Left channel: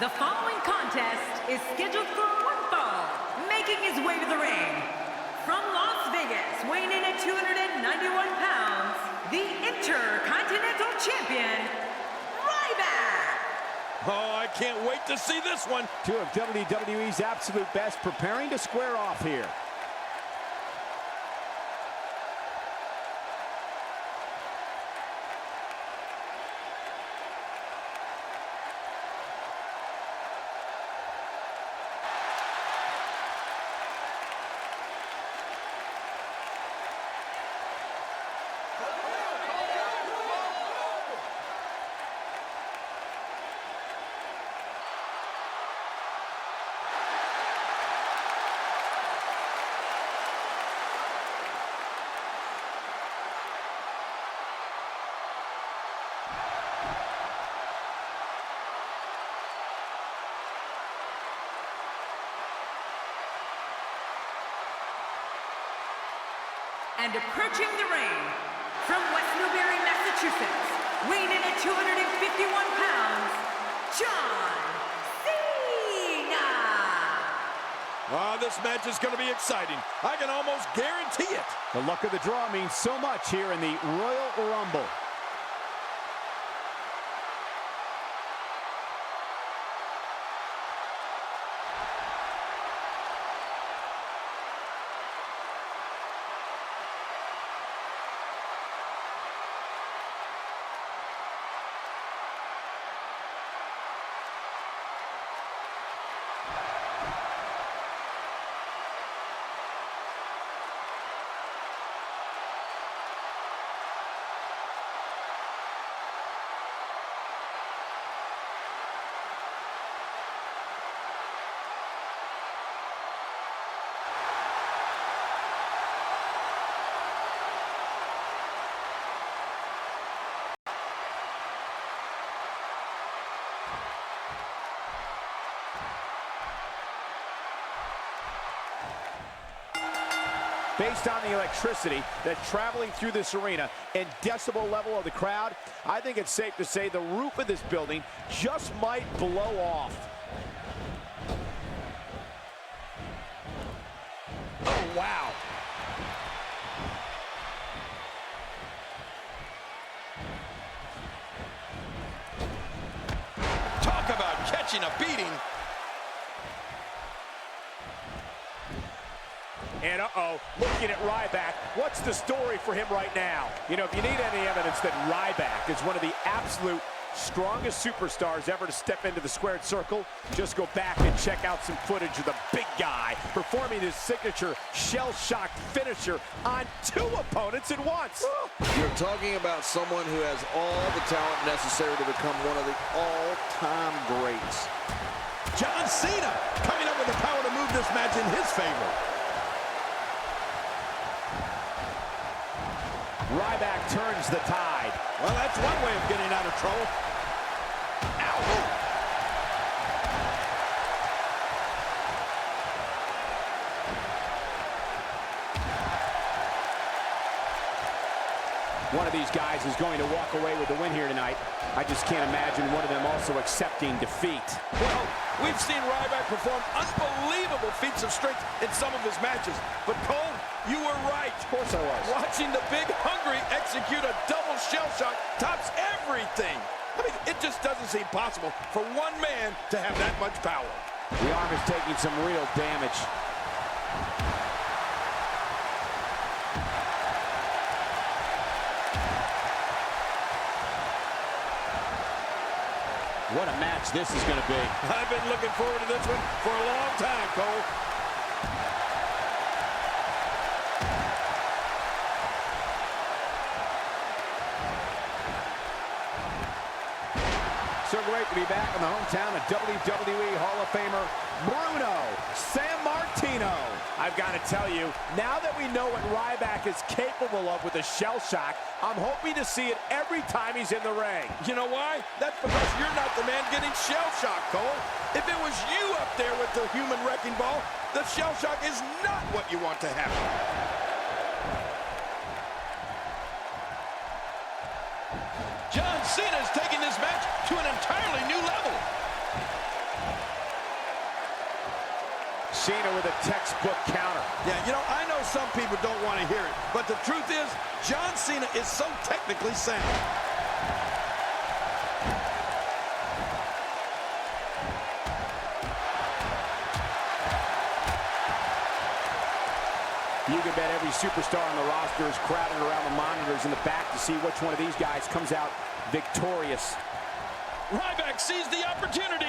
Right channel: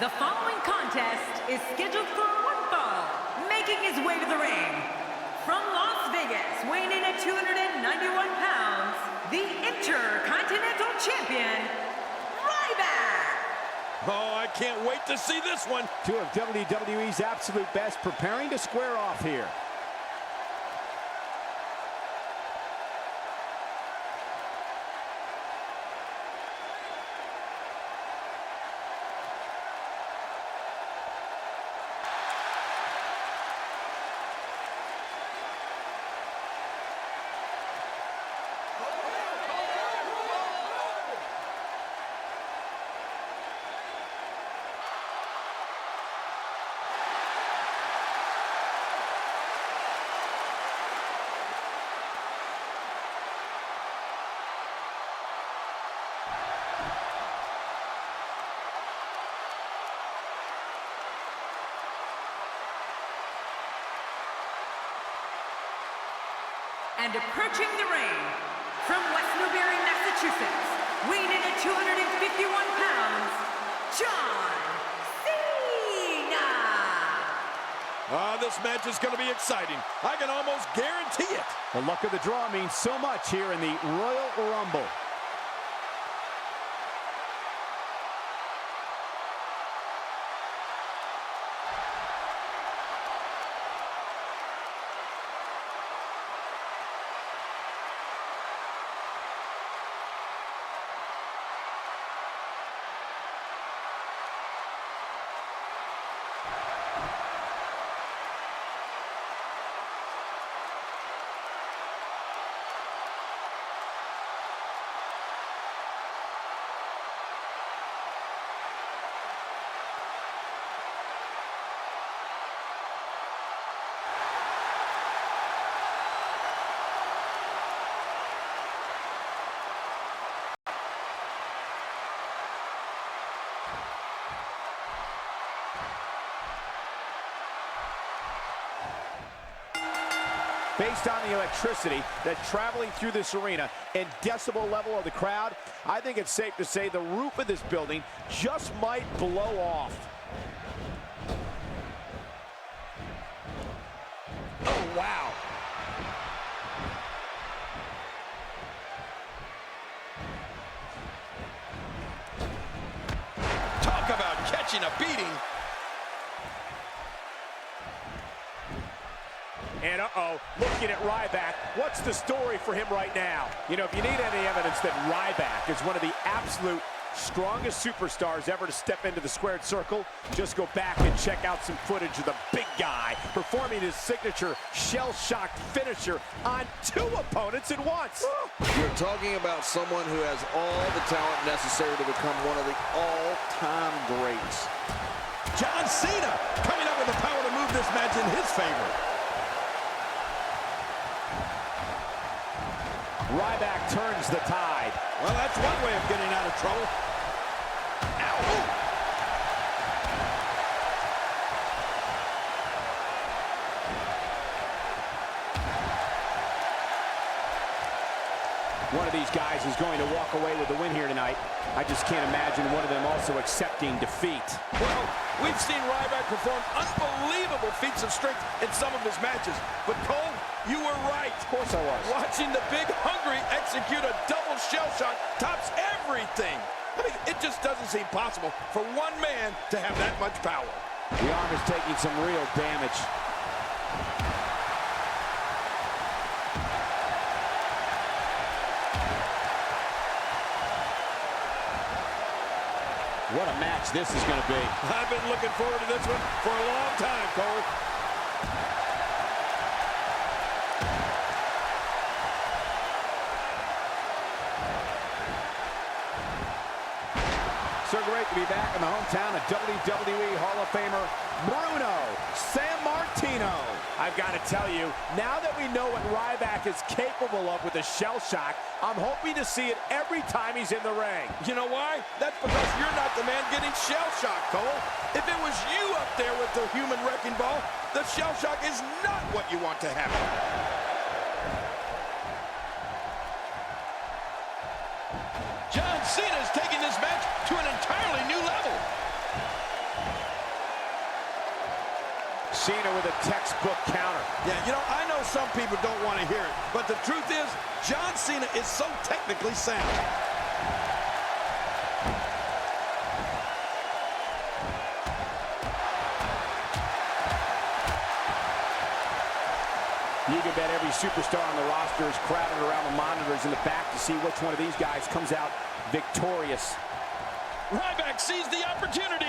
The following contest is scheduled for one fall, making his way to the ring. From Las Vegas, weighing in at 291 pounds, the Intercontinental Champion, Ryback! Oh, I can't wait to see this one. Two of WWE's absolute best preparing to square off here. And approaching the ring, from West Newbury, Massachusetts, weighing in at 251 pounds, John Cena! This match is going to be exciting. I can almost guarantee it. The luck of the draw means so much here in the Royal Rumble. Based on the electricity that's traveling through this arena and decibel level of the crowd, I think it's safe to say the roof of this building just might blow off. Oh, wow. Talk about catching a beating. And looking at Ryback, what's the story for him right now? You know, if you need any evidence that Ryback is one of the absolute strongest superstars ever to step into the squared circle, just go back and check out some footage of the big guy performing his signature shell-shocked finisher on two opponents at once. You're talking about someone who has all the talent necessary to become one of the all-time greats. John Cena coming up with the power to move this match in his favor. Ryback turns the tide. Well, that's one way of getting out of trouble. Ow! One of these guys is going to walk away with the win here tonight. I just can't imagine one of them also accepting defeat. Well, we've seen Ryback perform unbelievable feats of strength in some of his matches. But Cole, you were right. Of course I was. Watching the Big Hungry execute a double shell shock tops everything. I mean, it just doesn't seem possible for one man to have that much power. The arm is taking some real damage. What a match this is going to be. I've been looking forward to this one for a long time, Cole. So great to be back in the hometown of WWE Hall of Famer Bruno Sammartino. I've got to tell you, now that we know what Ryback is capable of with a shell shock, I'm hoping to see it every time he's in the ring. You know why? That's because you're not the man getting shell shocked, Cole. If it was you up there with the human wrecking ball, the shell shock is not what you want to happen. John Cena is taking this match to an entirely new level. Cena with a textbook counter. Yeah, you know, I know some people don't want to hear it, but the truth is, John Cena is so technically sound. You can bet every superstar on the roster is crowded around the monitors in the back to see which one of these guys comes out victorious. Ryback sees the opportunity.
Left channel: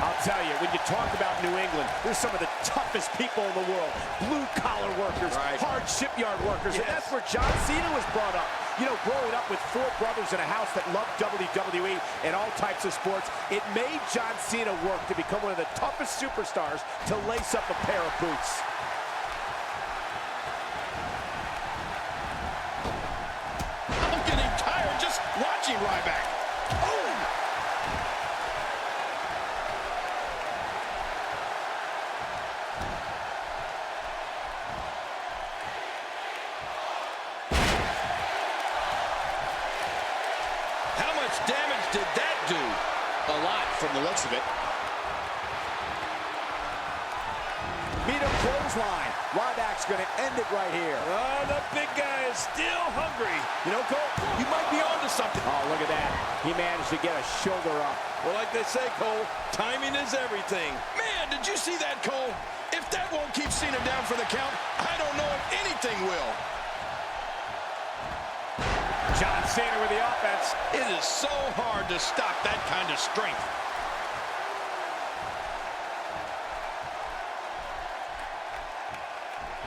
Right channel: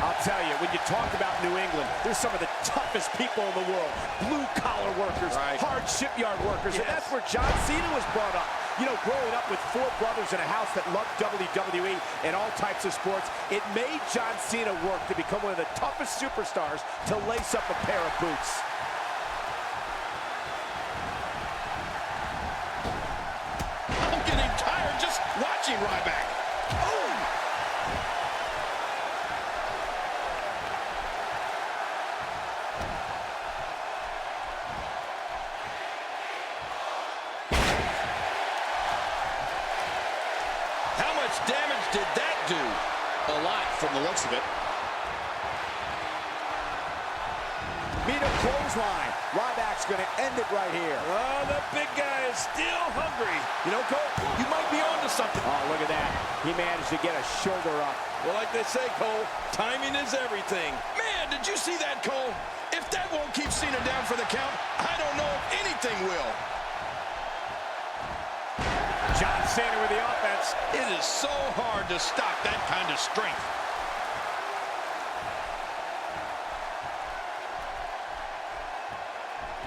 I'll tell you, when you talk about New England, there's some of the toughest people in the world. Blue-collar workers, hard shipyard workers, and that's where John Cena was brought up. You know, growing up with 4 brothers in a house that loved WWE and all types of sports, it made John Cena work to become one of the toughest superstars to lace up a pair of boots. I'm getting tired just watching Ryback. Oh! How much damage did that do? A lot from the looks of it. Meet a clothesline. Ryback's going to end it right here. Oh, the big guy is still hungry. You know, Cole, you might be onto something. Oh, look at that. He managed to get a shoulder up. Well, like they say, Cole, timing is everything. Man, did you see that, Cole? If that won't keep Cena down for the count, I don't know if anything will. John Cena with the offense. It is so hard to stop that kind of strength.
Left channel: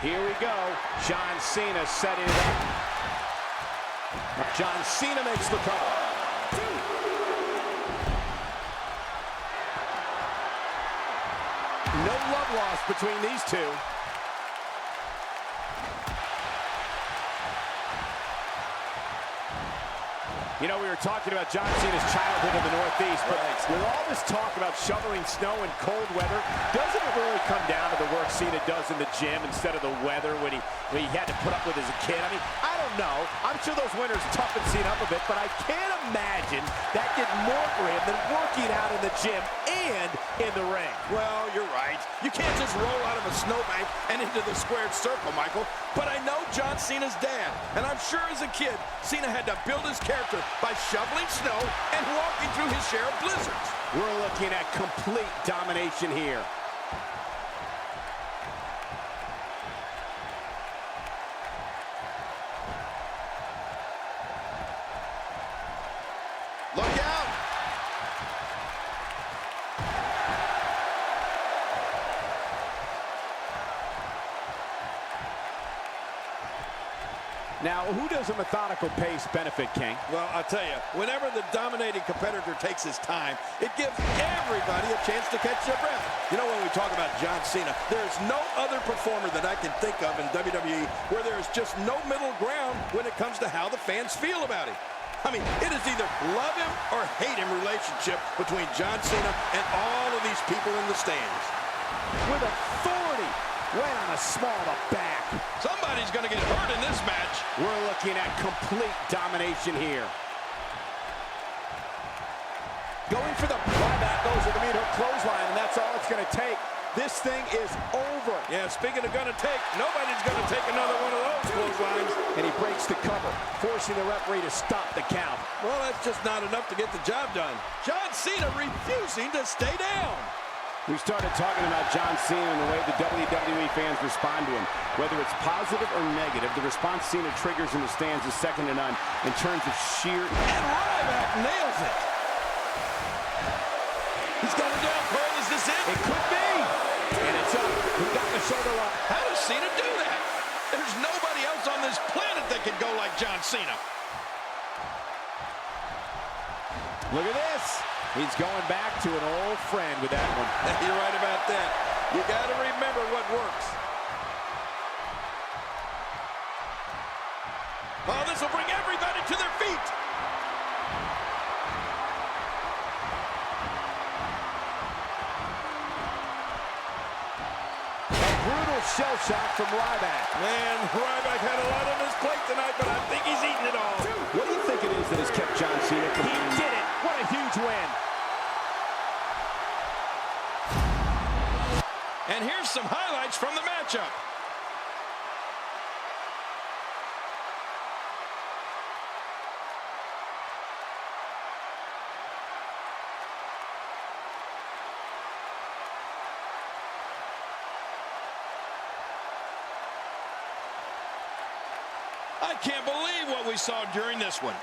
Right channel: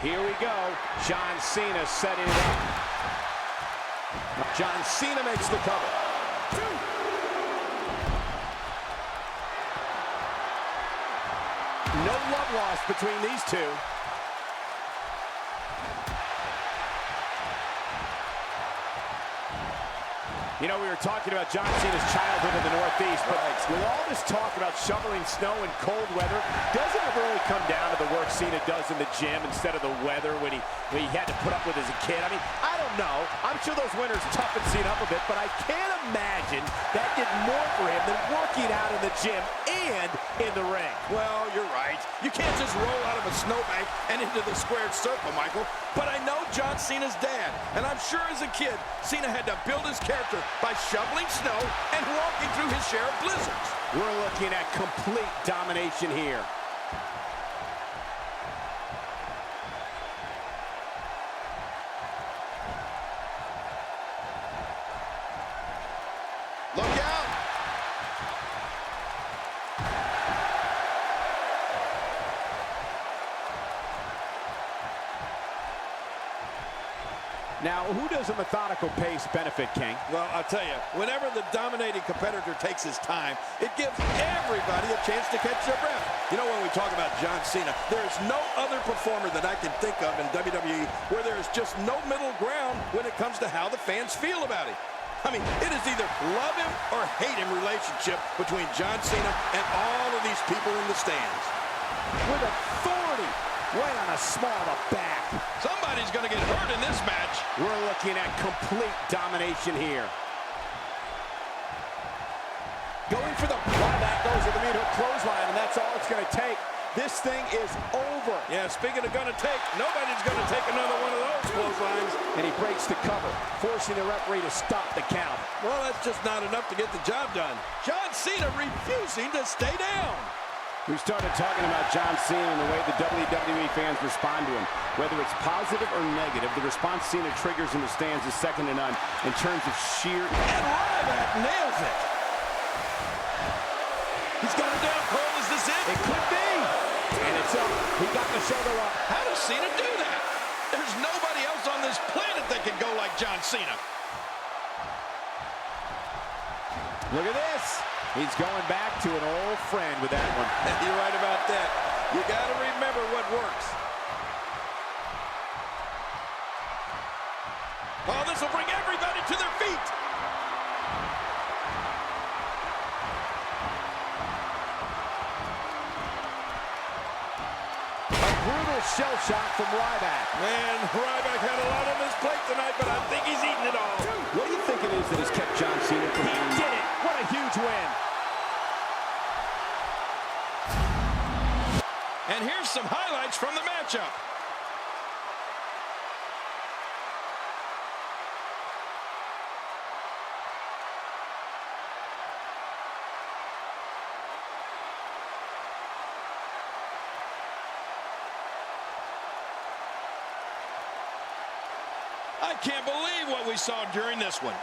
Here we go. John Cena setting it up. John Cena makes the cover. No love lost between these two. You know, we were talking about John Cena's childhood in the Northeast, but with all this talk about shoveling snow in cold weather, doesn't it really come down to the work Cena does in the gym instead of the weather when he had to put up with as a kid? I mean, I don't know. I'm sure those winters toughened Cena up a bit, but I can't imagine that did more for him than working out in the gym and in the ring. Well, you're right. You can't just roll out of a snowbank and into the squared circle, Michael. But I know John Cena's dad, and I'm sure as a kid, Cena had to build his character by shoveling snow and walking through his share of blizzards. We're looking at complete domination here. Look out! Now, who does a methodical pace benefit, King? Well, I'll tell you, whenever the dominating competitor takes his time, it gives everybody a chance to catch their breath. You know, when we talk about John Cena, there's no other performer that I can think of in WWE where there's just no middle ground when it comes to how the fans feel about him. I mean, it is either love him or hate him relationship between John Cena and all of these people in the stands. With authority, right on the small of the back. Somebody's going to get hurt in this match. We're looking at complete domination here. Going for the Ryback, goes with the meat hook clothesline, and that's all it's going to take. This thing is over. Yeah, speaking of going to take, nobody's going to take another one of those clotheslines. And he breaks the cover, forcing the referee to stop the count. Well, that's just not enough to get the job done. John Cena refusing to stay down. We started talking about John Cena and the way the WWE fans respond to him. Whether it's positive or negative, the response Cena triggers in the stands is second to none in terms of sheer... And Ryback nails it. He's got him down, Cole. Is this it? It could be. And it's up. He got the shoulder up. How does Cena do that? There's nobody else on this planet that can go like John Cena. Look at this. He's going back to an old friend with that one. You're right about that. You got to remember what works. Oh, this will bring everybody to their feet. A brutal shell shock from Ryback. Man, Ryback had a lot on his plate tonight, but I think he's eating it all. What do you think it is that has kept John Cena from... He did it. What a huge win. And here's some highlights from the matchup. I can't believe what we saw during this one.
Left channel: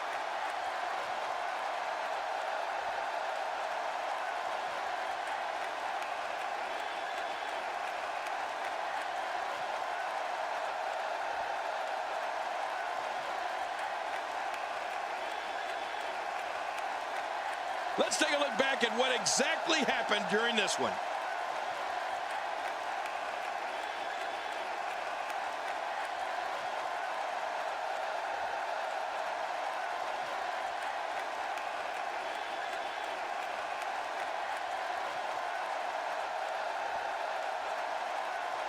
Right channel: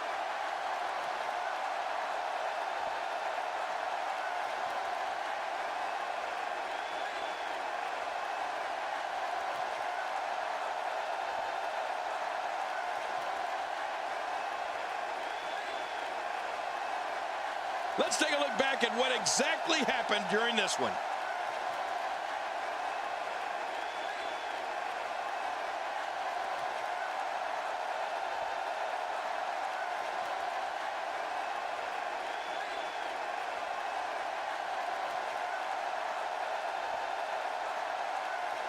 Let's take a look back at what exactly happened during this one.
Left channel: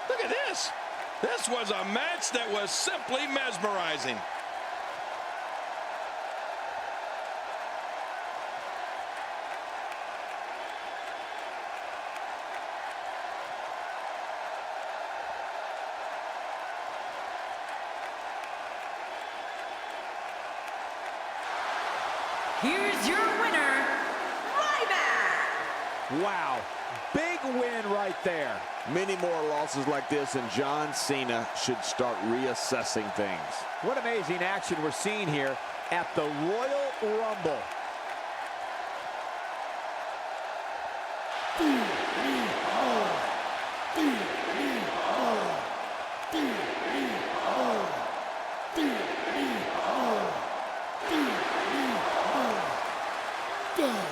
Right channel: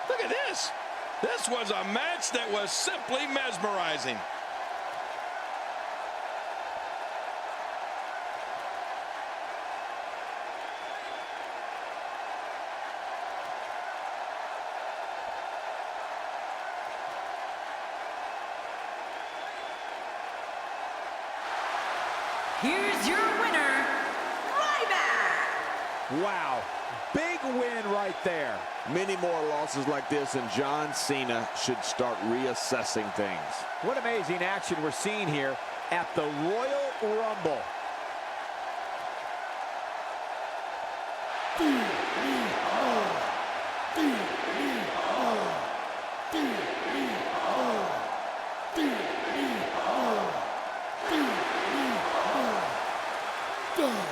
Look at this. This was a match that was simply mesmerizing. Here's your winner, Ryback. Wow, big win right there. Many more losses like this, and John Cena should start reassessing things. What amazing action we're seeing here at the Royal Rumble. Done.